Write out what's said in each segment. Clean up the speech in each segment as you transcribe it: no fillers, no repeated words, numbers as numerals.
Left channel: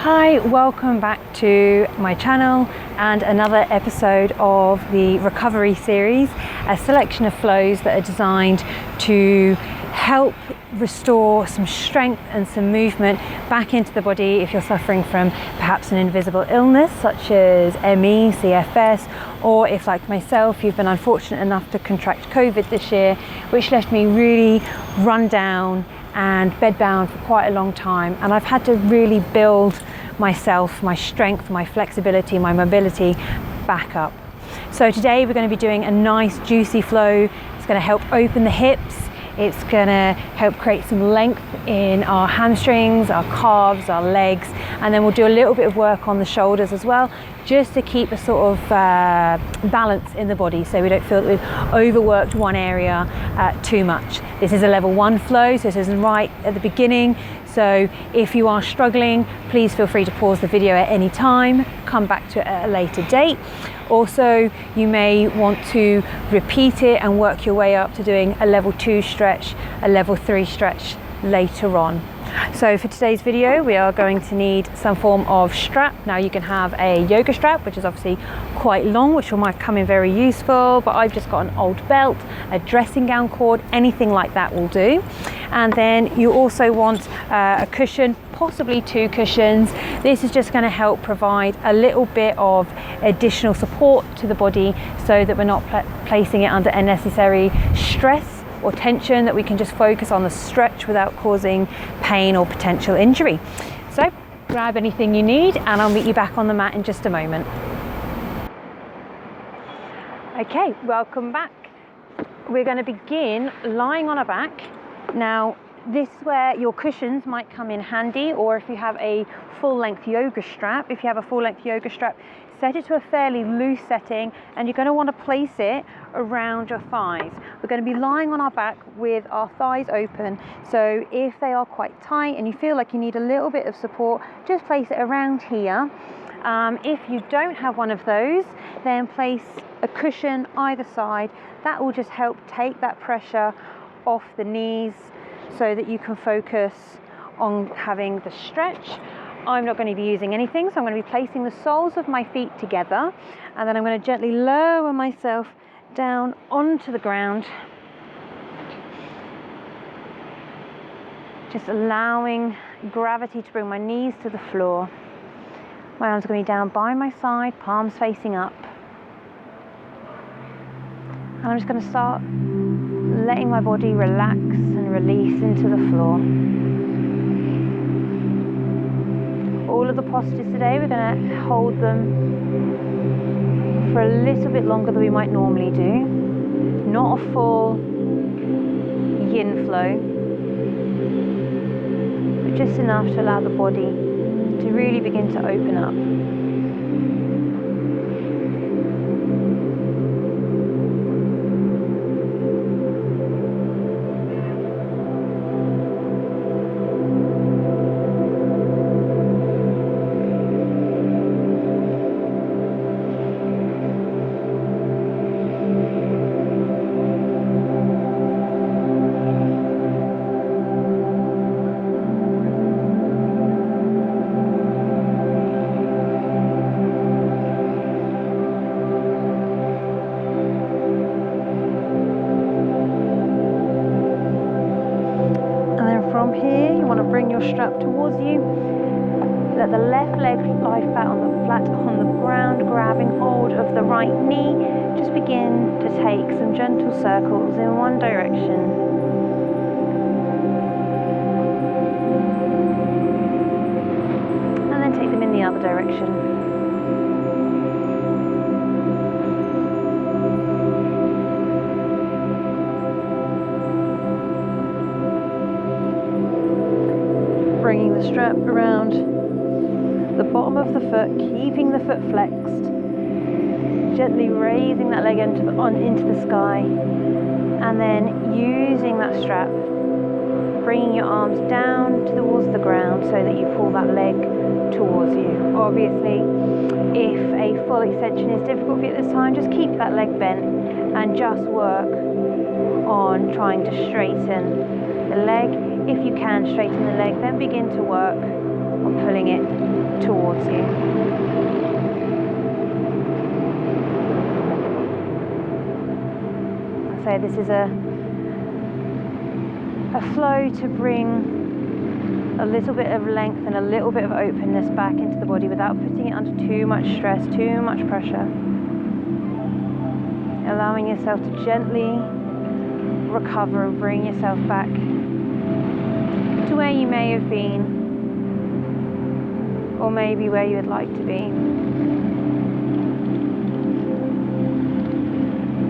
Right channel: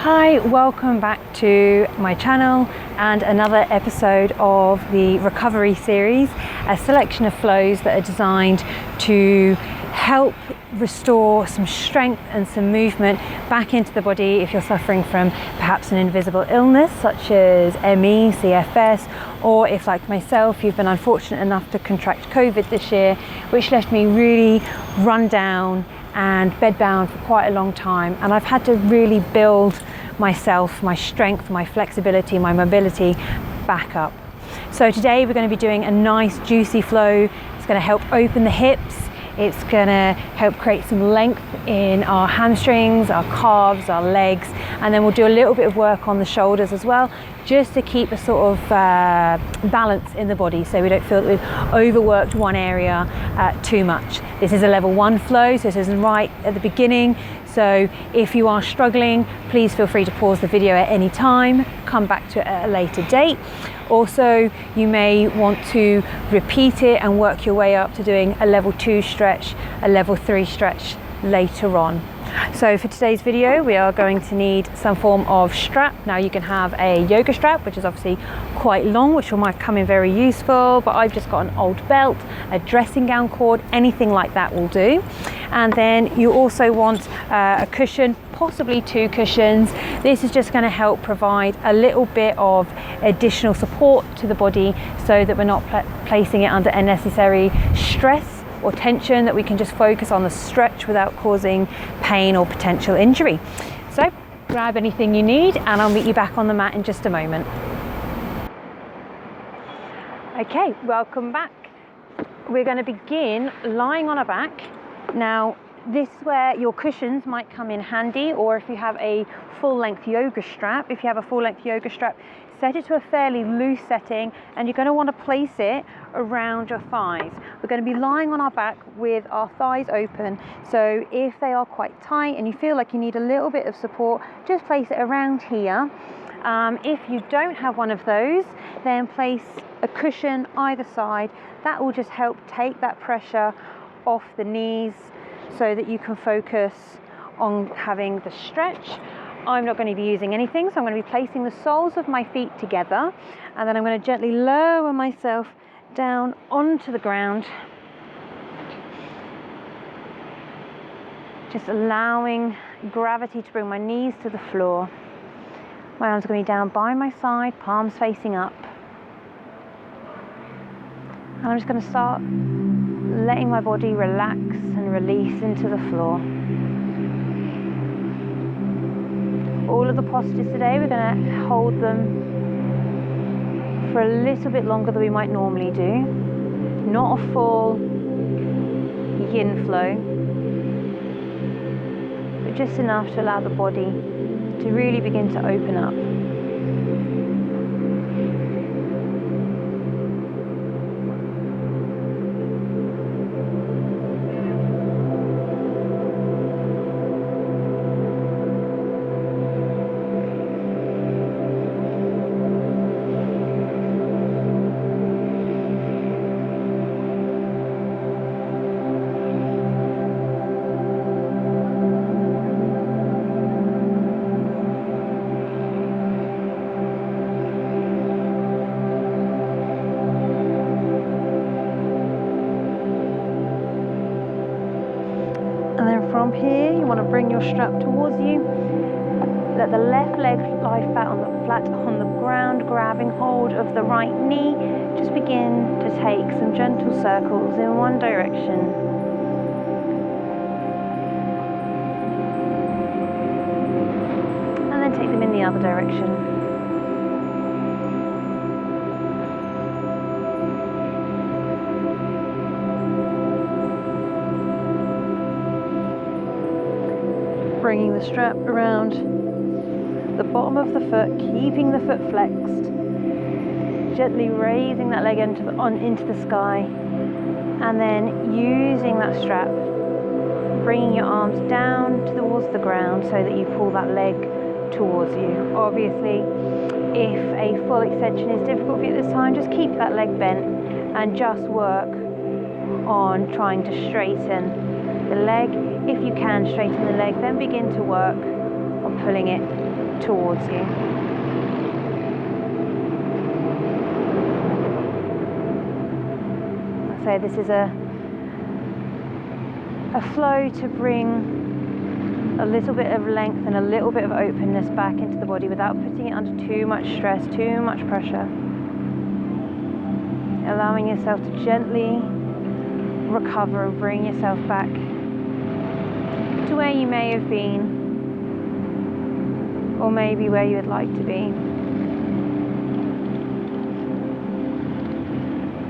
Hi, welcome back to my channel and another episode of the recovery series, a selection of flows that are designed to help restore some strength and some movement back into the body if you're suffering from perhaps an invisible illness such as ME, CFS, or if, like myself, you've been unfortunate enough to contract COVID this year, which left me really run down and bedbound for quite a long time, and I've had to really build myself, my strength, my flexibility, my mobility back up. So today we're going to be doing a nice juicy flow. It's going to help open the hips, it's going to help create some length in our hamstrings, our calves, our legs, and then we'll do a little bit of work on the shoulders as well, just to keep a sort of balance in the body so we don't feel that we've overworked one area too much. This is a level 1 flow, so this isn't right at the beginning. So if you are struggling, please feel free to pause the video at any time, come back to it at a later date. Also, you may want to repeat it and work your way up to doing a level 2 stretch, a level 3 stretch later on. So for today's video, we are going to need some form of strap. Now you can have a yoga strap, which is obviously quite long, which might come in very useful, but I've just got an old belt, a dressing gown cord, anything like that will do. And then you also want a cushion, possibly 2 cushions. This is just going to help provide a little bit of additional support to the body so that we're not placing it under unnecessary stress or tension, that we can just focus on the stretch without causing pain or potential injury. So grab anything you need and I'll meet you back on the mat in just a moment. Okay, welcome back. We're going to begin lying on our back. Now this is where your cushions might come in handy, or if you have a full-length yoga strap. If you have a full-length yoga strap, set it to a fairly loose setting and you're going to want to place it around your thighs. We're going to be lying on our back with our thighs open, so if they are quite tight and you feel like you need a little bit of support, just place it around here. If you don't have one of those, then place a cushion either side. That will just help take that pressure off the knees so that you can focus on having the stretch. I'm not going to be using anything, so I'm going to be placing the soles of my feet together, and then I'm going to gently lower myself down onto the ground, just allowing gravity to bring my knees to the floor. My arms are going to be down by my side, palms facing up, and I'm just going to start letting my body relax and release into the floor. All of the postures today, we're going to hold them for a little bit longer than we might normally do. Not a full yin flow, but just enough to allow the body to really begin to open up. From here, you want to bring your strap towards you. Let the left leg lie flat on the ground, grabbing hold of the right knee. Just begin to take some gentle circles in one direction. And then take them in the other direction. Bringing the strap around the bottom of the foot, keeping the foot flexed, gently raising that leg into the sky, and then using that strap, bringing your arms down towards the ground so that you pull that leg towards you. Obviously, if a full extension is difficult for you at this time, just keep that leg bent and just work on trying to straighten the leg. If you can straighten the leg, then begin to work on pulling it towards you. So this is a flow to bring a little bit of length and a little bit of openness back into the body without putting it under too much stress, too much pressure. Allowing yourself to gently recover and bring yourself back to where you may have been, or maybe where you would like to be.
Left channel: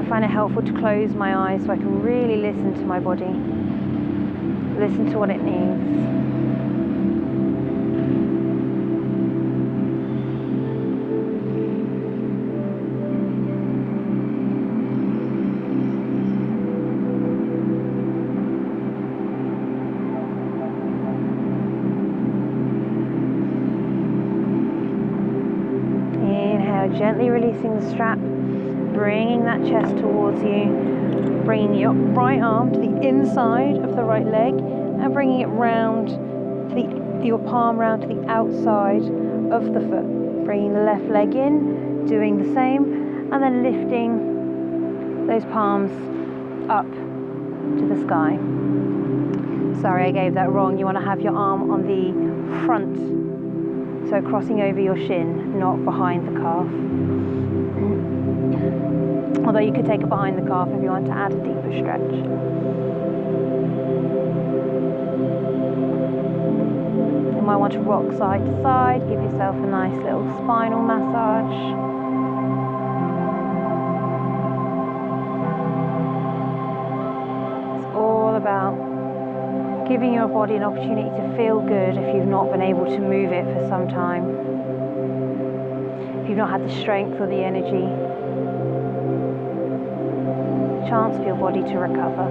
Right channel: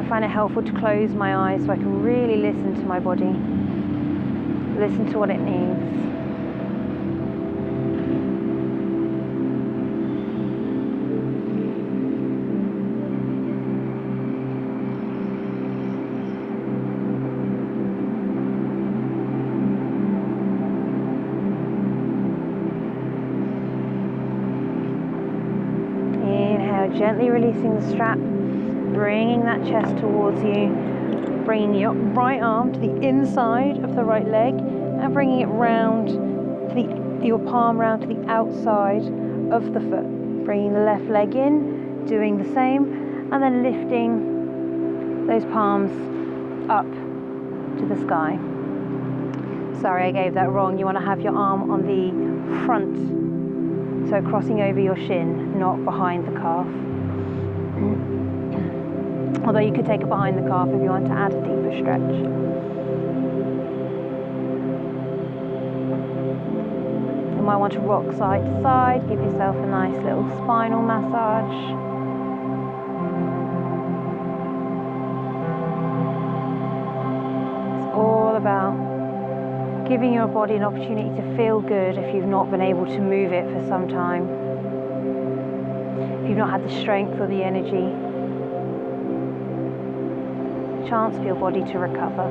I find it helpful to close my eyes so I can really listen to my body, listen to what it needs. Gently releasing the strap, bringing that chest towards you, bringing your right arm to the inside of the right leg and bringing it round to your palm round to the outside of the foot. Bringing the left leg in, doing the same, and then lifting those palms up to the sky. Sorry, I gave that wrong. You want to have your arm on the front, so crossing over your shin, not behind the calf. Although you could take it behind the calf if you want to add a deeper stretch. You might want to rock side to side, give yourself a nice little spinal massage. It's all about giving your body an opportunity to feel good if you've not been able to move it for some time. If you've not had the strength or the energy. Chance for your body to recover.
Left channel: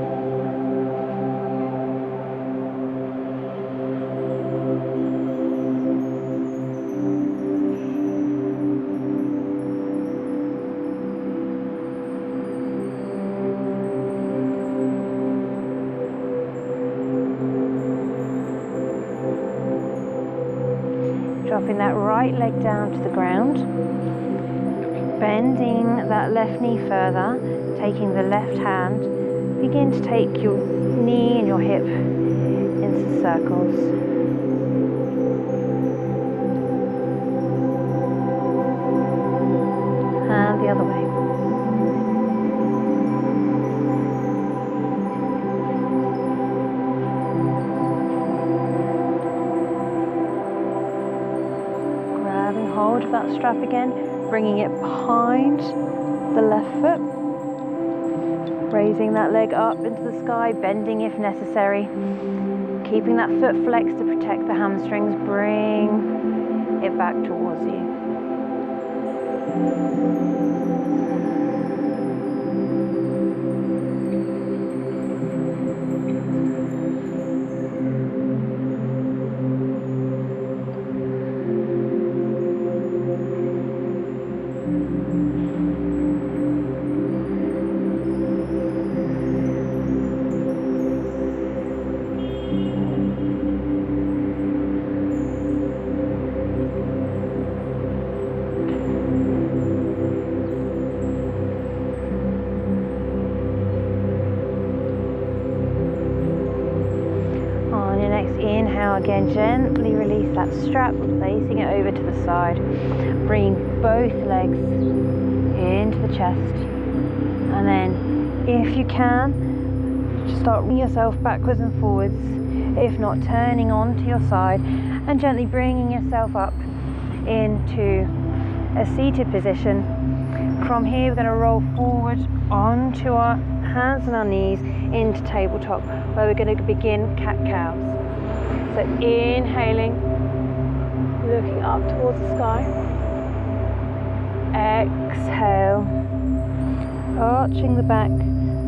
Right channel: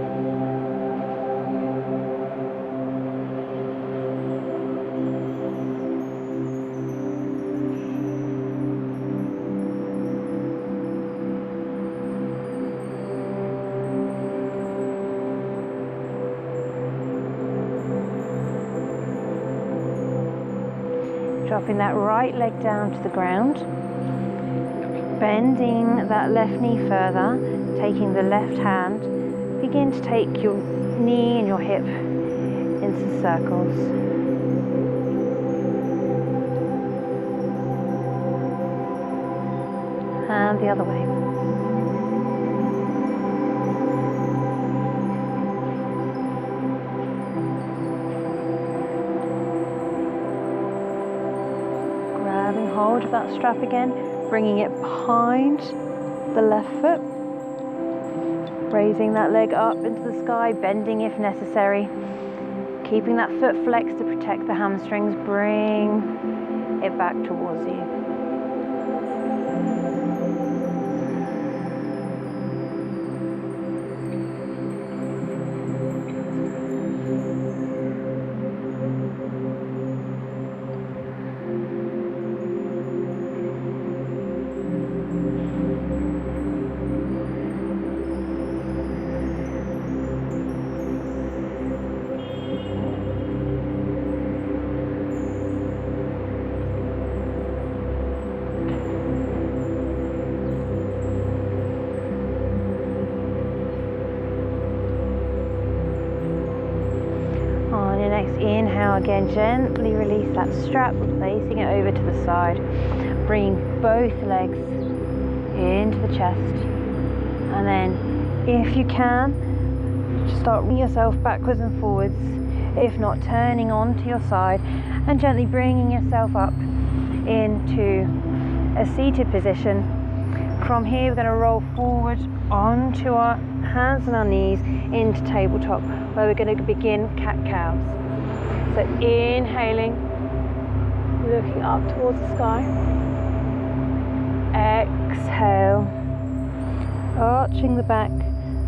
Dropping that right leg down to the ground, bending that left knee further, taking the left hand, begin to take your knee and your hip into circles. And the other way. Grabbing hold of that strap again, bringing it behind the left foot. Raising that leg up into the sky, bending if necessary. Keeping that foot flexed to protect the hamstrings. Bring it back towards you. Inhale again, gently release that strap, placing it over to the side, bringing both legs into the chest, and then if you can, just start rolling yourself backwards and forwards, if not turning onto your side, and gently bringing yourself up into a seated position. From here we're going to roll forward onto our hands and our knees into tabletop, where we're going to begin cat-cows. So inhaling, looking up towards the sky. Exhale, arching the back,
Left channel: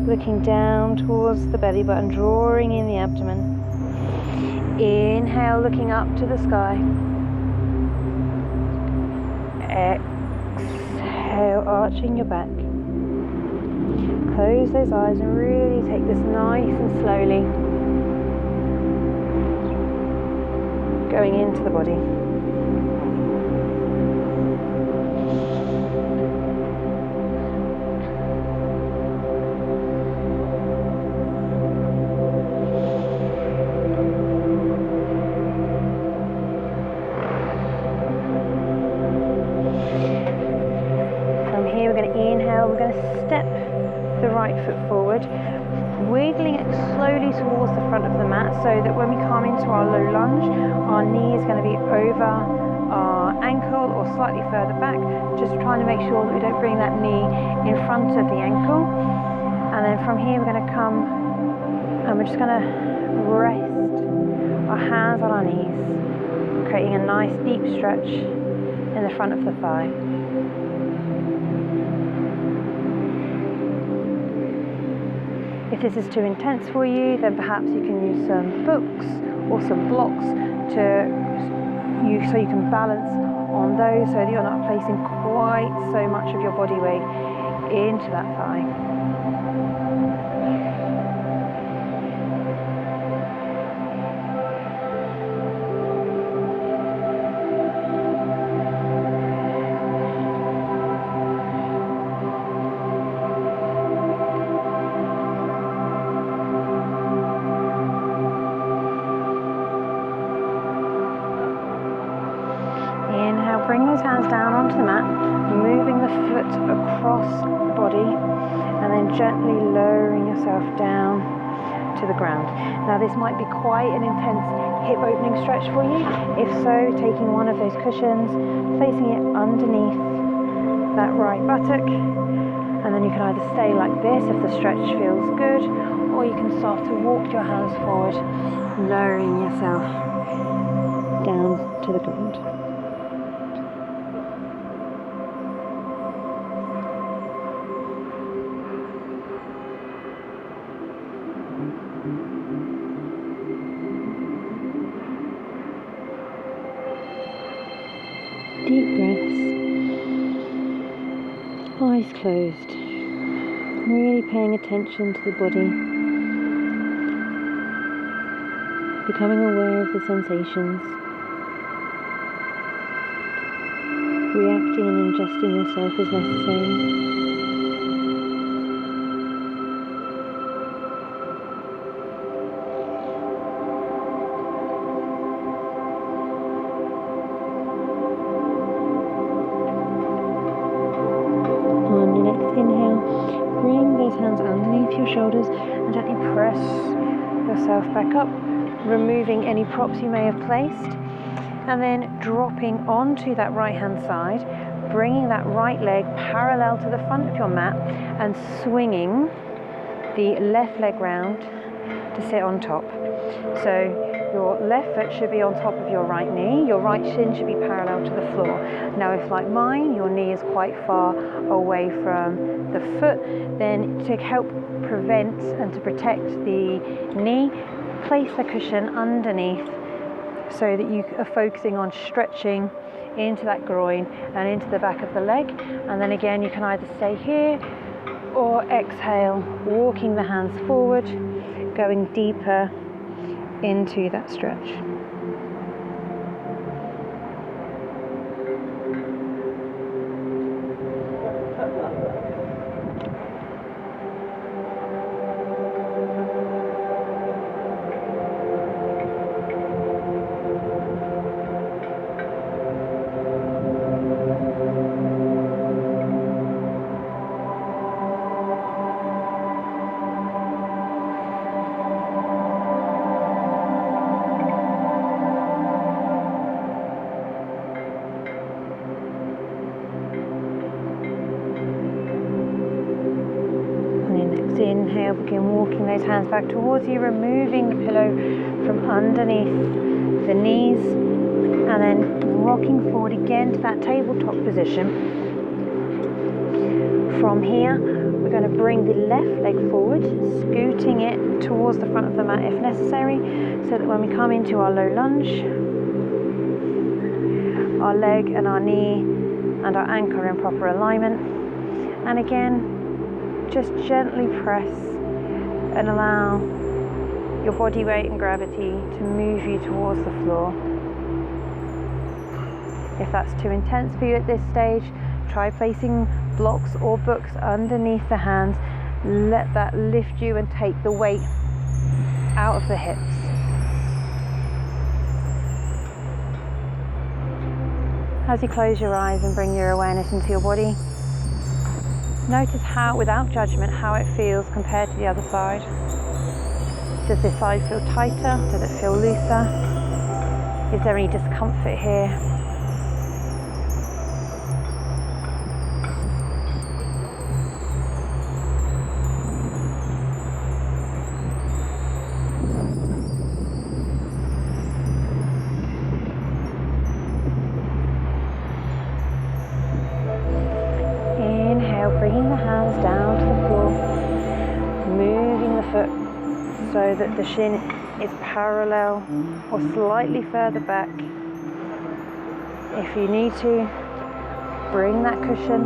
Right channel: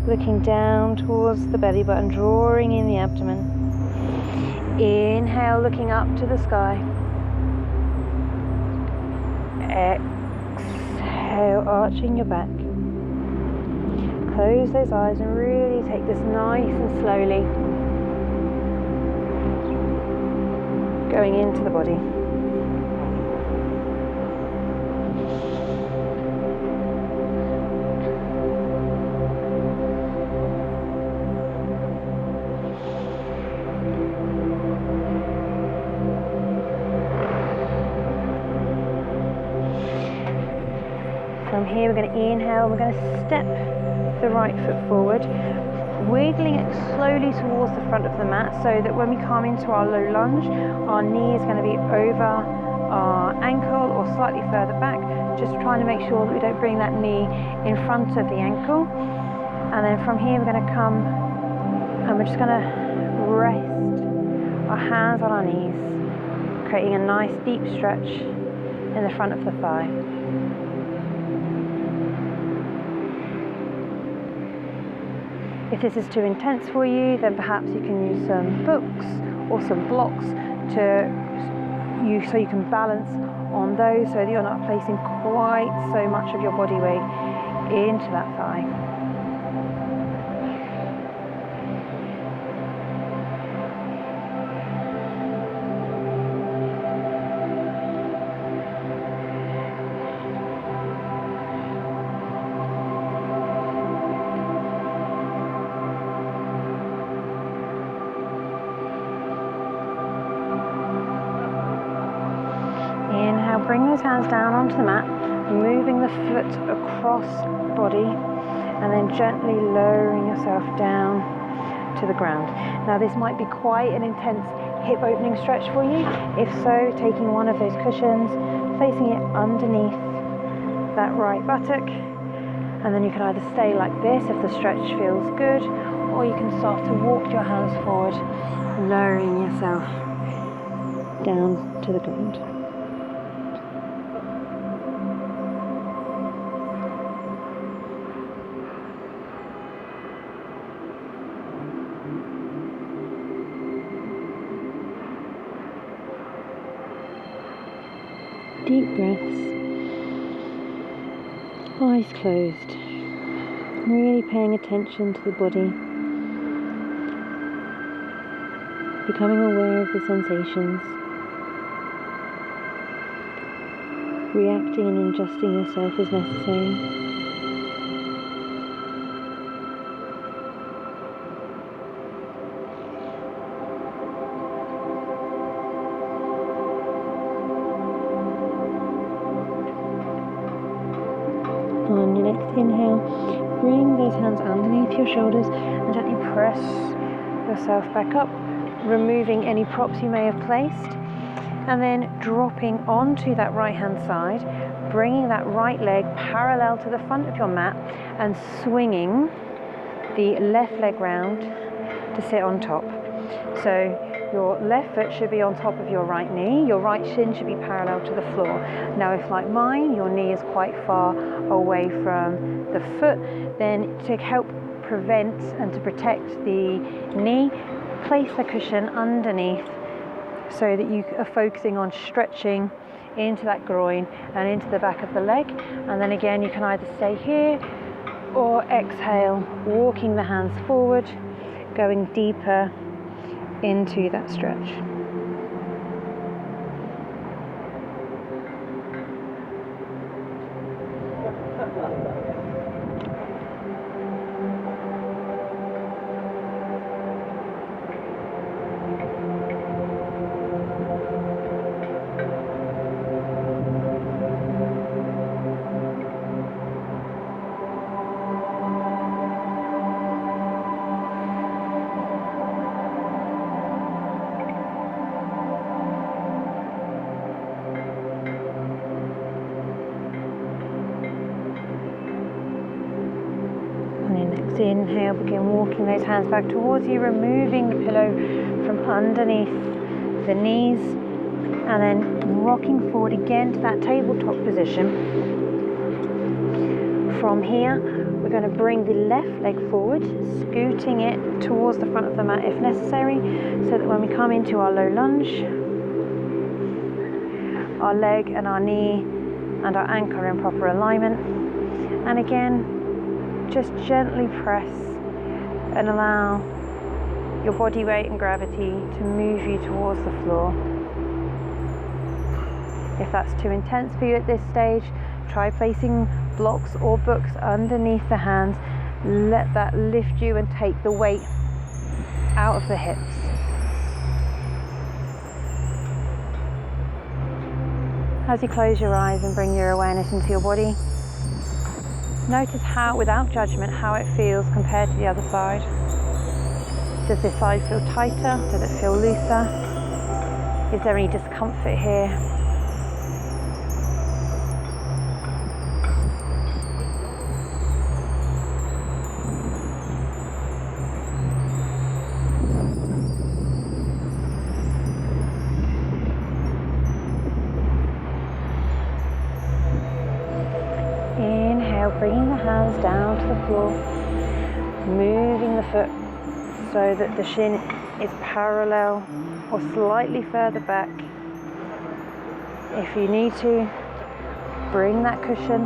looking down towards the belly button, drawing in the abdomen. Inhale, looking up to the sky. Exhale, arching your back. Close those eyes and really take this nice and slowly. Going into the body. From here we're going to inhale, we're going to step the right foot forward, wiggling it slowly towards the front of the mat so that when we come into our low lunge, our knee is going to be over our ankle or slightly further back, just trying to make sure that we don't bring that knee in front of the ankle. And then from here we're going to come and we're just going to rest our hands on our knees, creating a nice deep stretch in the front of the thigh. If this is too intense for you, then perhaps you can use some books or some blocks so you can balance on those so that you're not placing quite so much of your body weight into that thigh. Inhale, bring those hands down onto the mat, moving the foot across the body and then gently lowering yourself down to the ground. Now this might be quite an intense hip opening stretch for you. If so, taking one of those cushions, placing it underneath that right buttock, and then you can either stay like this if the stretch feels good, or you can start to walk your hands forward, lowering yourself down to the ground. Deep breaths, eyes closed, really paying attention to the body, becoming aware of the sensations, reacting and adjusting yourself as necessary. On your next inhale, bring those hands underneath your shoulders and gently press yourself back up, removing any props you may have placed, and then dropping onto that right hand side, bringing that right leg parallel to the front of your mat and swinging the left leg round to sit on top. So your left foot should be on top of your right knee, your right shin should be parallel to the floor. Now if like mine, your knee is quite far away from the foot, then to help prevent and to protect the knee, place the cushion underneath so that you are focusing on stretching into that groin and into the back of the leg. And then again, you can either stay here or exhale, walking the hands forward, going deeper into that stretch. Inhale, begin walking those hands back towards you, removing the pillow from underneath the knees, and then rocking forward again to that tabletop position. From here, we're going to bring the left leg forward, scooting it towards the front of the mat if necessary, so that when we come into our low lunge, our leg and our knee and our ankle are in proper alignment. And again, just gently press and allow your body weight and gravity to move you towards the floor. If that's too intense for you at this stage, try placing blocks or books underneath the hands. Let that lift you and take the weight out of the hips. As you close your eyes and bring your awareness into your body, Notice how, without judgment, how it feels compared to the other side. Does this side feel tighter? Does it feel looser? Is there any discomfort here? Inhale, bringing the hands down to the floor, moving the foot so that the shin is parallel or slightly further back. If you need to, bring that cushion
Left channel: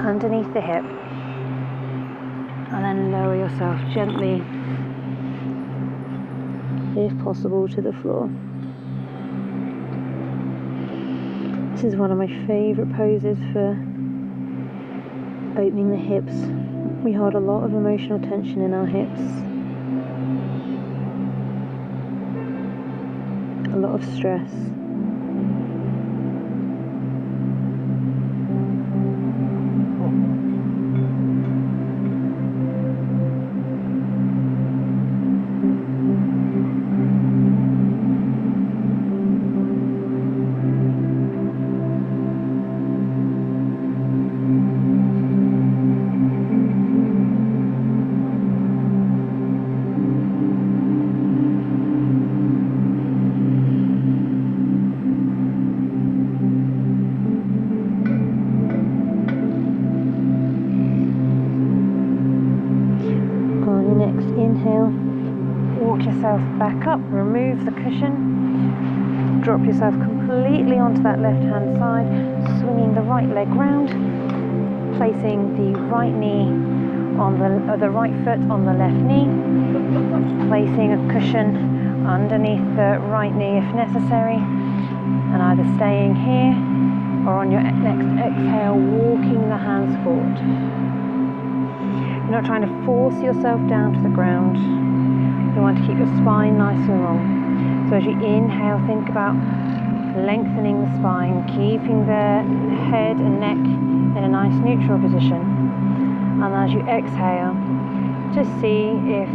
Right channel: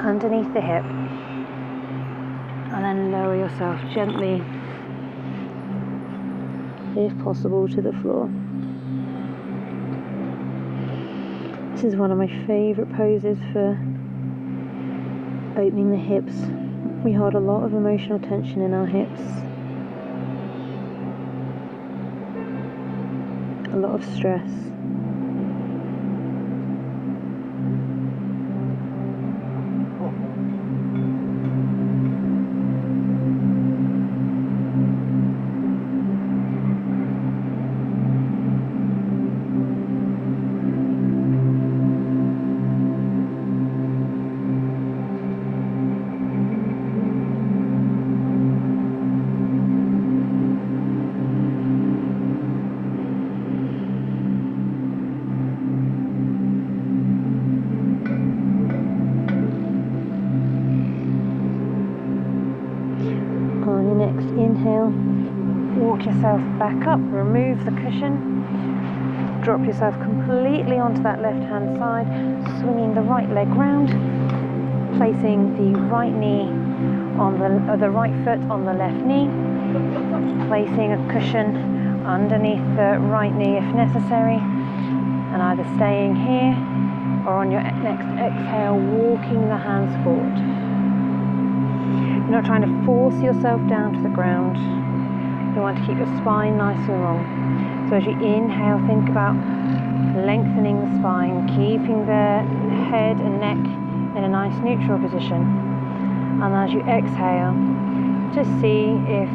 underneath the hip and then lower yourself gently, if possible, to the floor. This is one of my favourite poses for opening the hips. We hold a lot of emotional tension in our hips, a lot of stress. Inhale, walk yourself back up, remove the cushion, drop yourself completely onto that left hand side, swinging the right leg round, placing the right knee on the right foot on the left knee, placing a cushion underneath the right knee if necessary, and either staying here or on your next exhale, walking the hands forward. You're not trying to force yourself down to the ground. You want to keep your spine nice and long. So as you inhale, think about lengthening the spine, keeping the head and neck in a nice neutral position. And as you exhale, just see if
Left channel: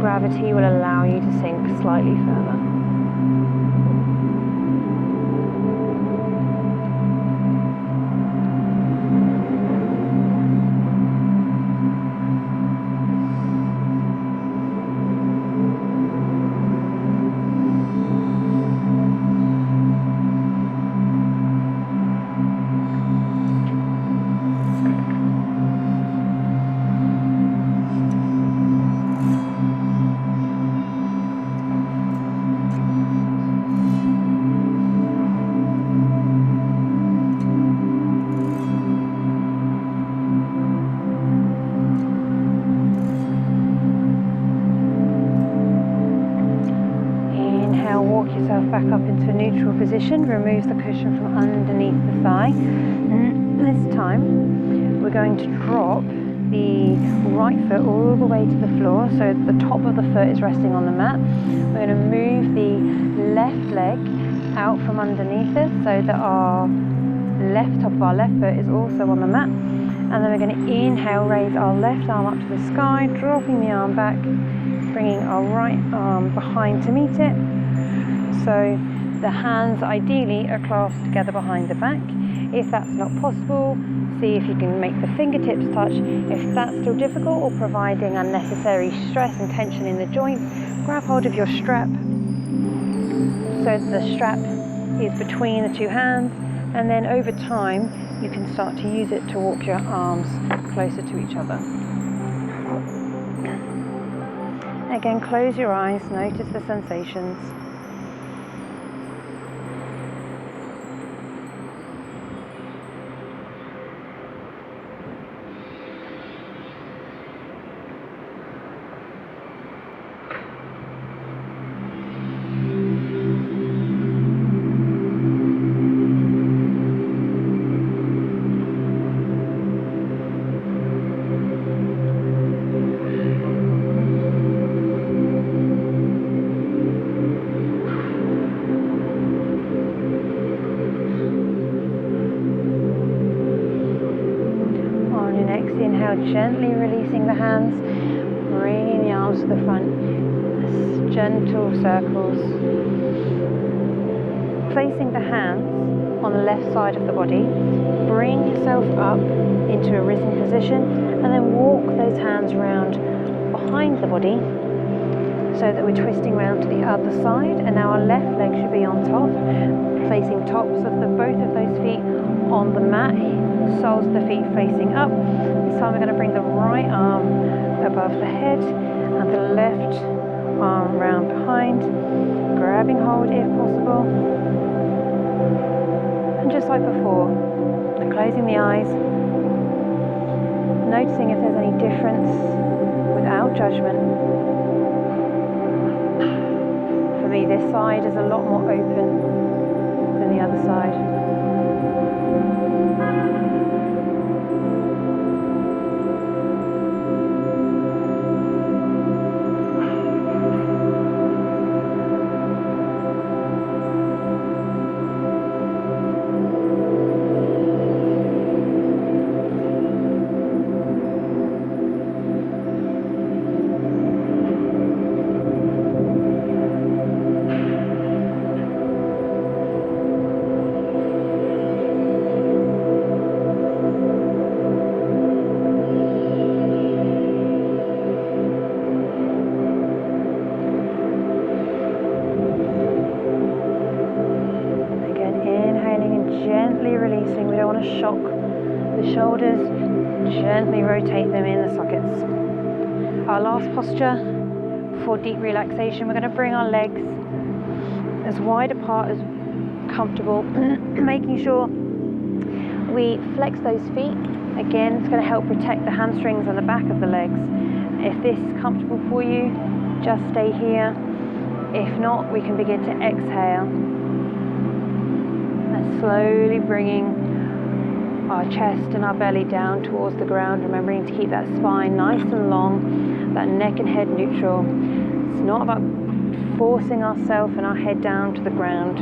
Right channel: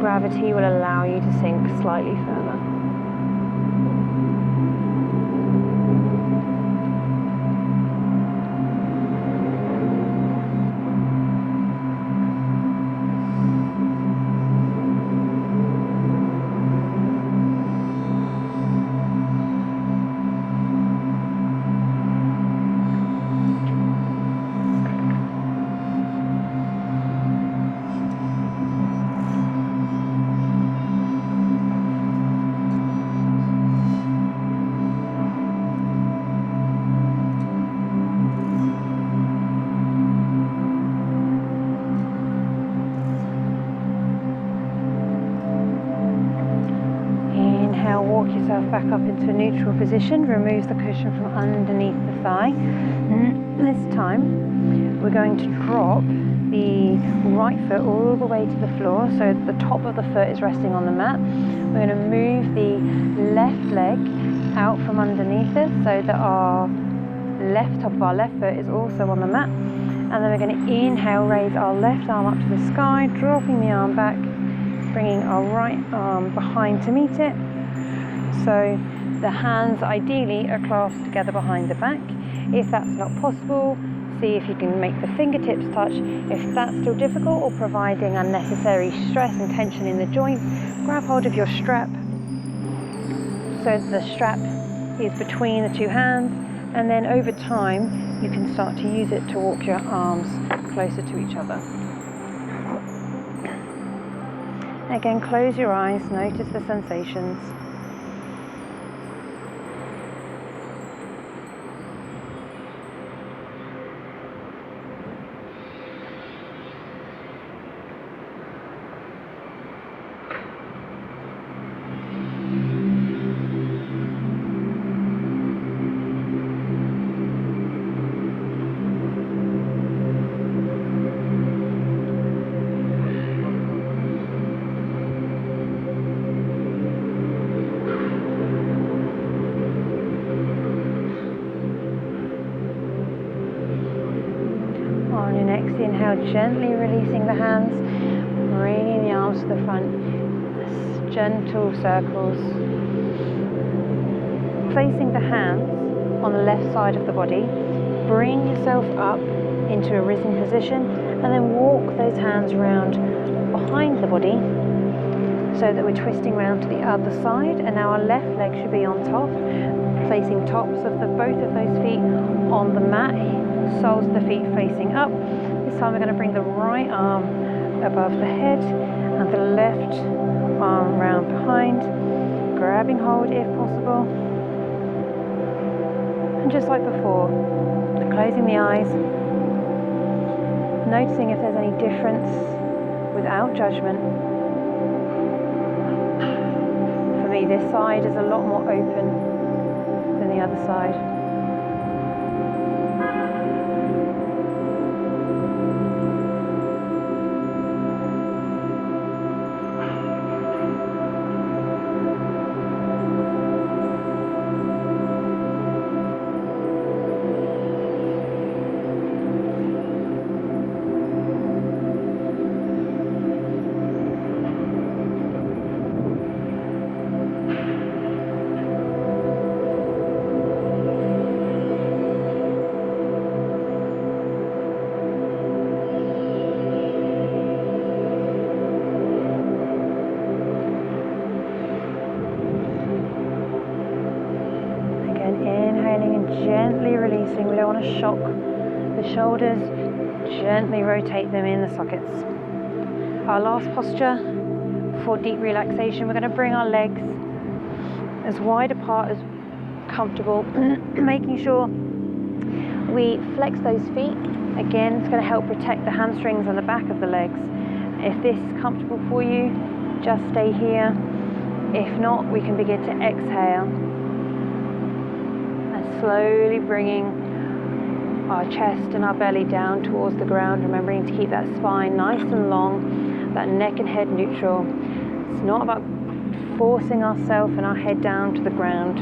gravity will allow you to sink slightly further. Walk yourself back up into a neutral position, remove the cushion from underneath the thigh. This time we're going to drop the right foot all the way to the floor, so the top of the foot is resting on the mat. We're going to move the left leg out from underneath us so that our top of our left foot is also on the mat, and then we're going to inhale, raise our left arm up to the sky, dropping the arm back, bringing our right arm behind to meet it. So the hands ideally are clasped together behind the back. If that's not possible, see if you can make the fingertips touch. If that's still difficult or providing unnecessary stress and tension in the joints, grab hold of your strap so the strap is between the two hands, and then over time you can start to use it to walk your arms closer to each other. Again, close your eyes, notice the sensations. next inhale, gently releasing the hands, bringing the arms to the front, gentle circles. Placing the hands on the left side of the body, bring yourself up into a risen position and then walk those hands around behind the body so that we're twisting around to the other side, and now our left leg should be on top, placing tops of both of those feet on the mat, soles of the feet facing up. This time we're going to bring the right arm above the head and the left arm round behind, grabbing hold if possible. And just like before, closing the eyes, noticing if there's any difference without judgment. For me, this side is a lot more open than the other side. Inhaling and gently releasing. We don't want to shock the shoulders. Gently rotate them in the sockets. Our last posture for deep relaxation, we're going to bring our legs as wide apart as comfortable, making sure we flex those feet. Again, it's going to help protect the hamstrings and the back of the legs. If this is comfortable for you, just stay here. If not, we can begin to exhale. Slowly bringing our chest and our belly down towards the ground, remembering to keep that spine nice and long, that neck and head neutral. It's not about forcing ourselves and our head down to the ground.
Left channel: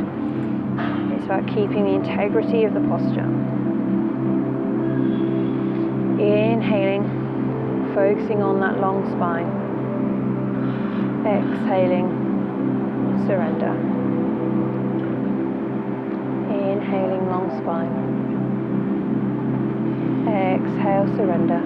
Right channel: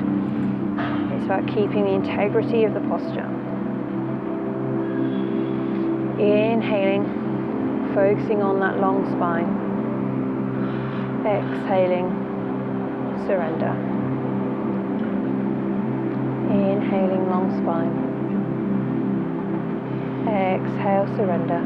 It's about keeping the integrity of the posture. Inhaling, focusing on that long spine. Exhaling, surrender. Inhaling, long spine. Exhale, surrender.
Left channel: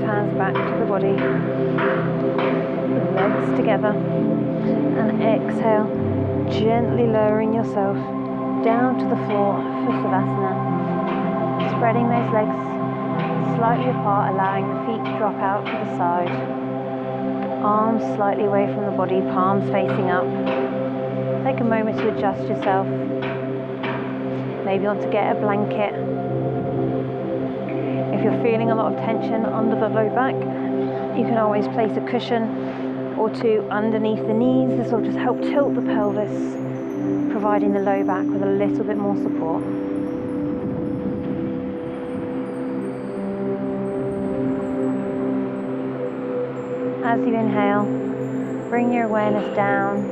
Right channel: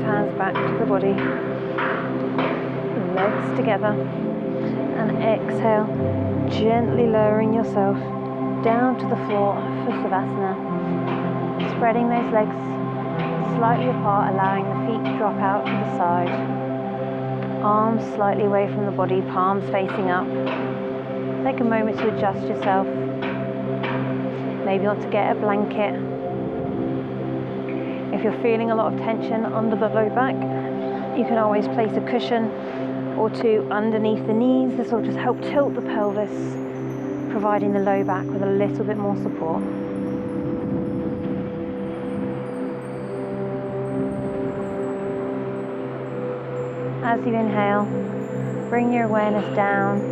Hands back to the body, legs together, and exhale, gently lowering yourself down to the floor for Savasana, spreading those legs slightly apart, allowing the feet to drop out to the side, arms slightly away from the body, palms facing up. Take a moment to adjust yourself. Maybe you want to get a blanket. If you're feeling a lot of tension under the low back, you can always place a cushion or two underneath the knees. This will just help tilt the pelvis, providing the low back with a little bit more support. As you inhale, bring your awareness down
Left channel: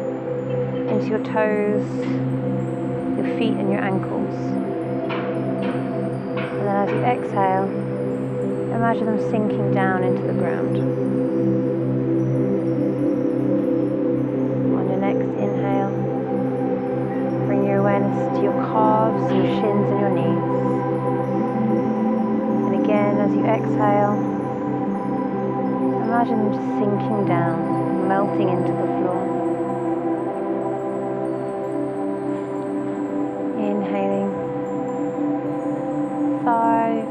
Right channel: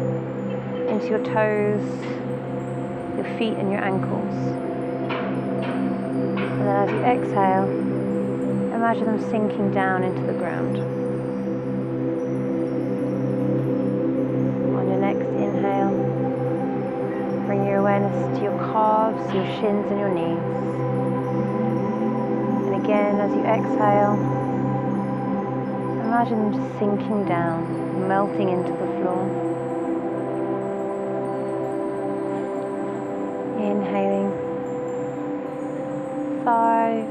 into your toes, your feet and your ankles. And then as you exhale, imagine them sinking down into the ground. On your next inhale, bring your awareness to your calves, your shins and your knees. And again, as you exhale, imagine them just sinking down, melting into the floor. Inhaling, thighs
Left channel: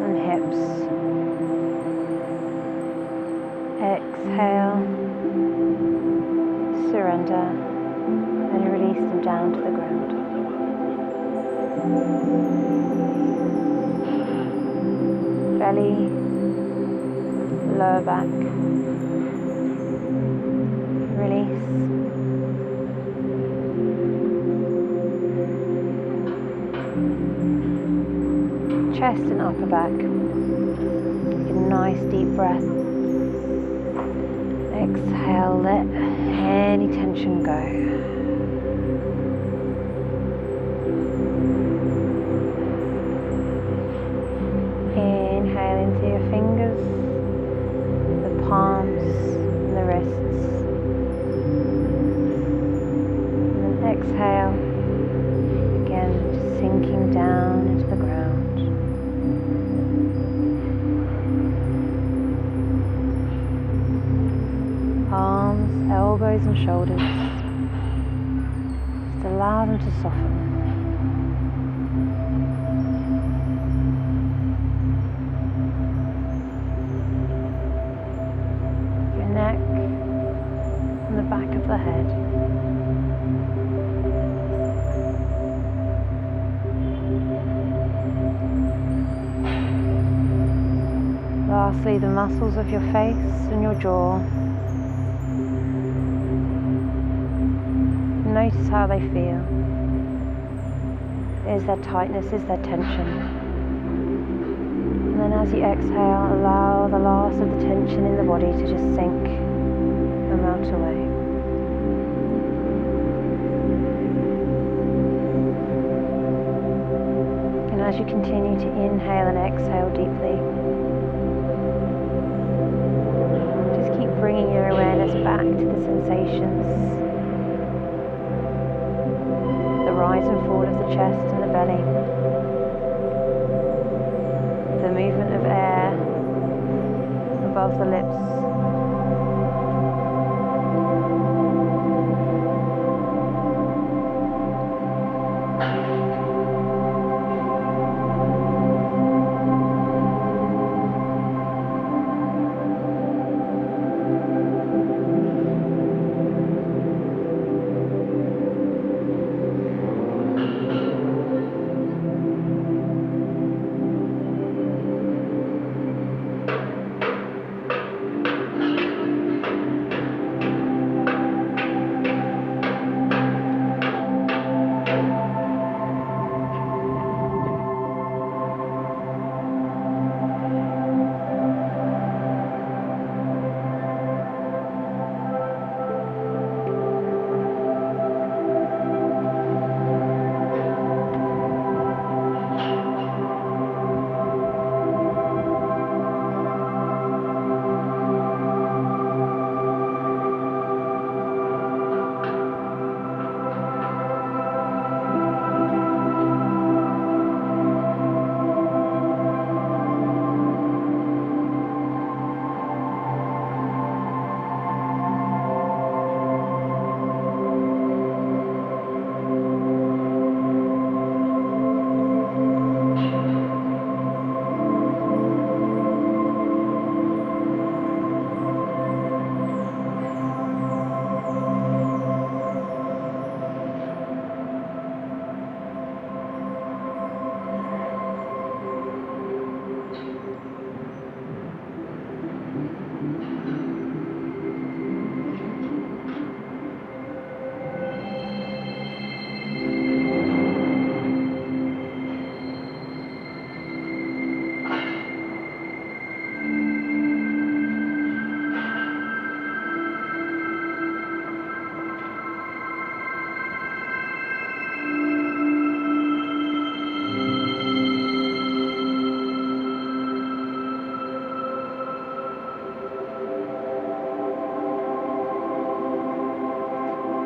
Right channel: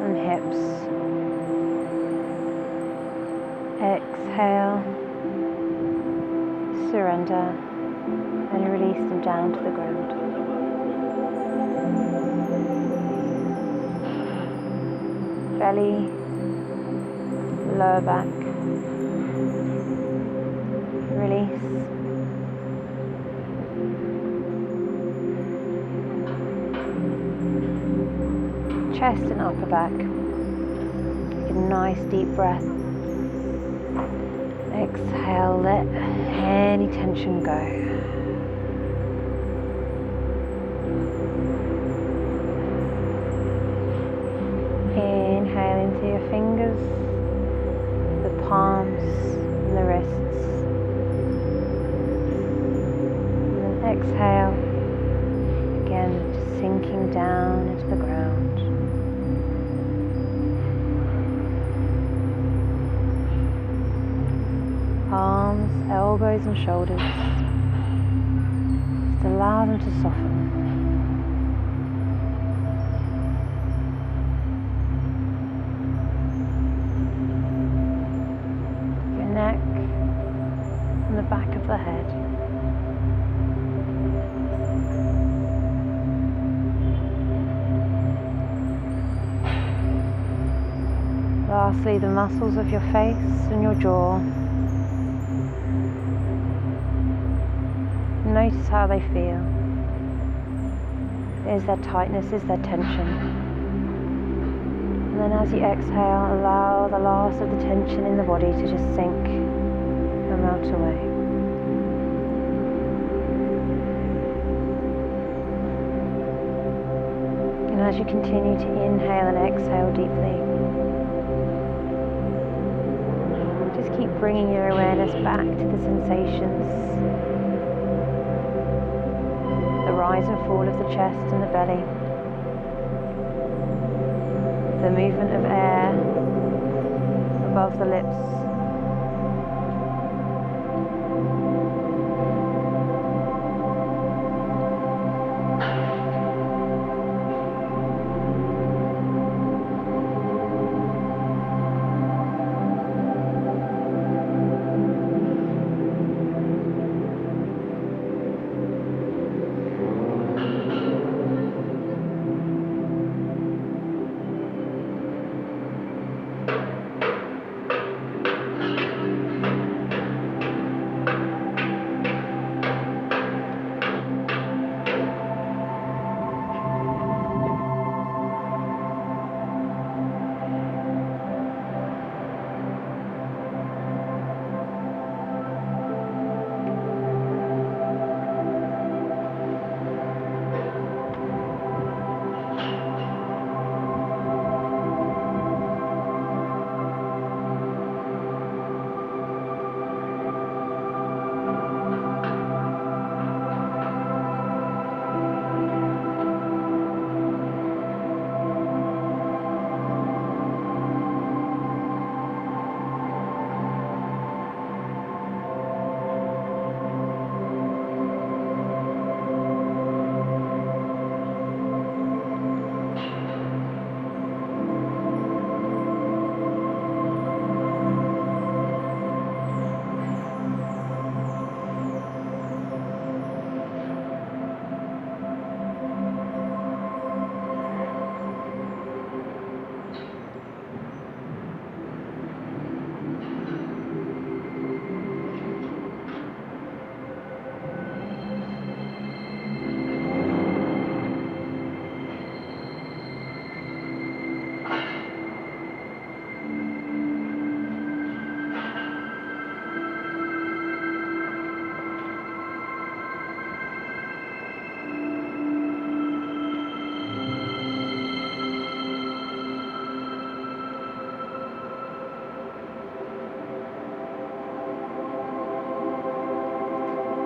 and hips. Exhale, surrender. and release them down to the ground. Belly, lower back, release. Chest and upper back. Take a nice deep breath. Exhale, let any tension go. Inhale into your fingers, the palms and the wrists. And then exhale, again just sinking down into the ground. Arms, elbows and shoulders. Just allow them to soften. Your neck and the back of the head. Lastly, the muscles of your face and your jaw. Notice how they feel. Is there tightness? Is there tension? And then as you exhale, allow the last of the tension in the body to just sink and melt away. And as you continue to inhale and exhale deeply, just keep bringing your awareness back to the sensations. The rise and fall of the chest and the belly, the movement of air above the lips,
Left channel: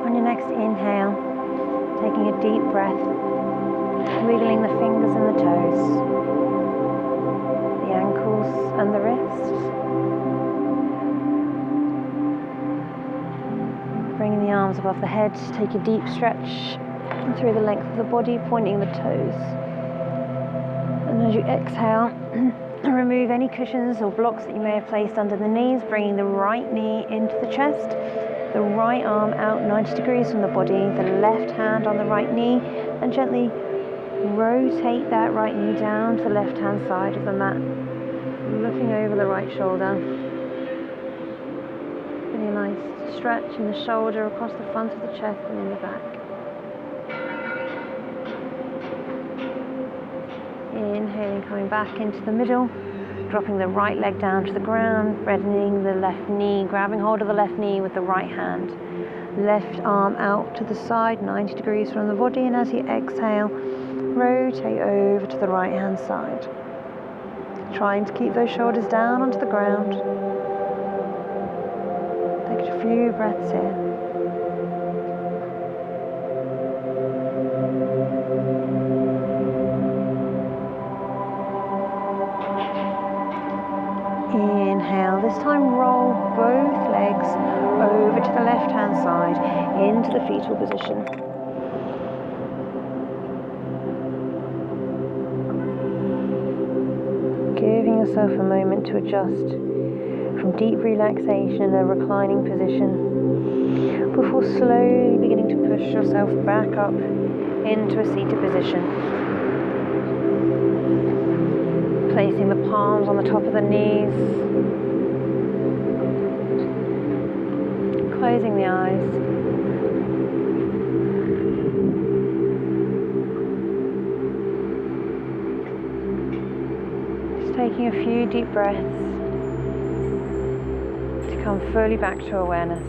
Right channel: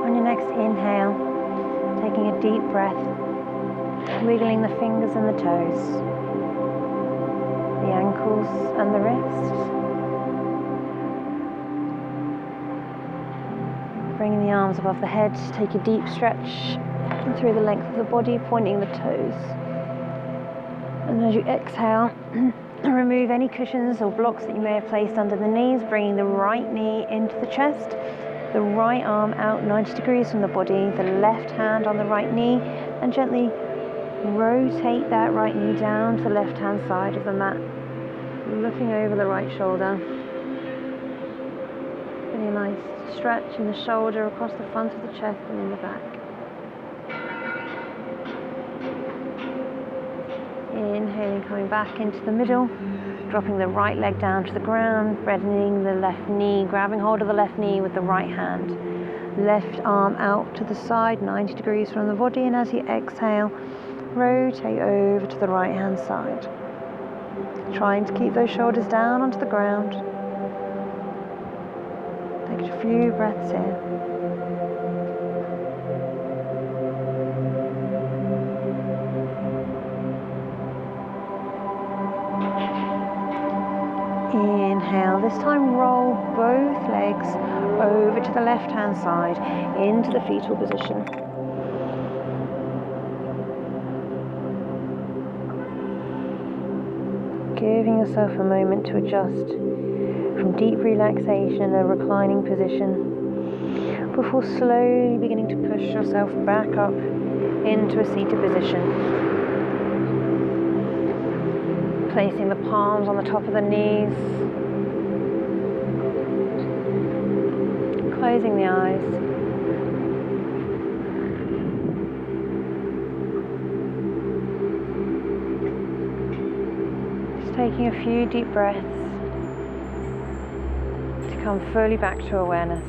On your next inhale, taking a deep breath, wiggling the fingers and the toes, the ankles and the wrists. Bringing the arms above the head, take a deep stretch through the length of the body, pointing the toes. And as you exhale, remove any cushions or blocks that you may have placed under the knees, bringing the right knee into the chest the right arm out 90 degrees from the body, the left hand on the right knee, and gently rotate that right knee down to the left hand side of the mat, looking over the right shoulder. Getting a nice stretch in the shoulder across the front of the chest and in the back. Inhaling, coming back into the middle, dropping the right leg down to the ground, reddening the left knee, grabbing hold of the left knee with the right hand. Left arm out to the side, 90 degrees from the body, and as you exhale, rotate over to the right hand side. Trying to keep those shoulders down onto the ground. Take a few breaths here. Inhale, this time roll both legs over to the left hand side into the fetal position. Giving yourself a moment to adjust from deep relaxation in a reclining position before slowly beginning to push yourself back up into a seated position. Placing the palms on the top of the knees, closing the eyes, just taking a few deep breaths to come fully back to awareness.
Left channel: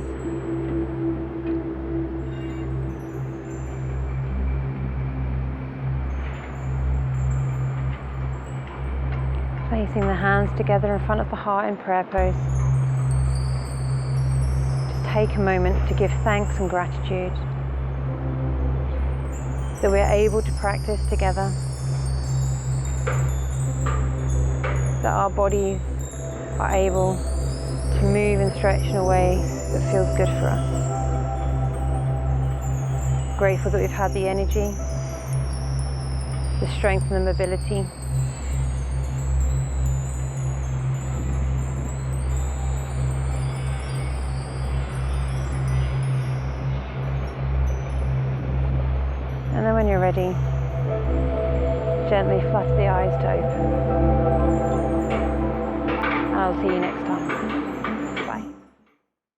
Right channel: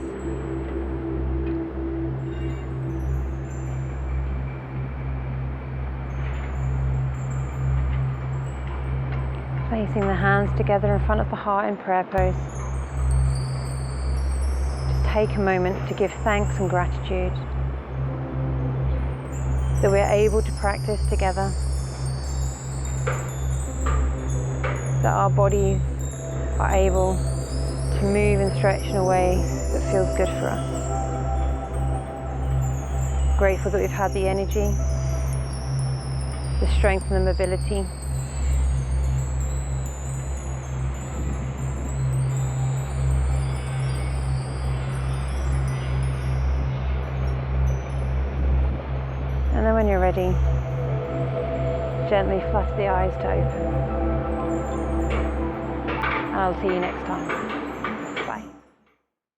Placing the hands together in front of the heart in prayer pose. Just take a moment to give thanks and gratitude that we're able to practice together, that our bodies are able to move and stretch in a way that feels good for us. Grateful that we've had the energy, the strength and the mobility and then when you're ready, gently flutter the eyes to open. I'll see you next time.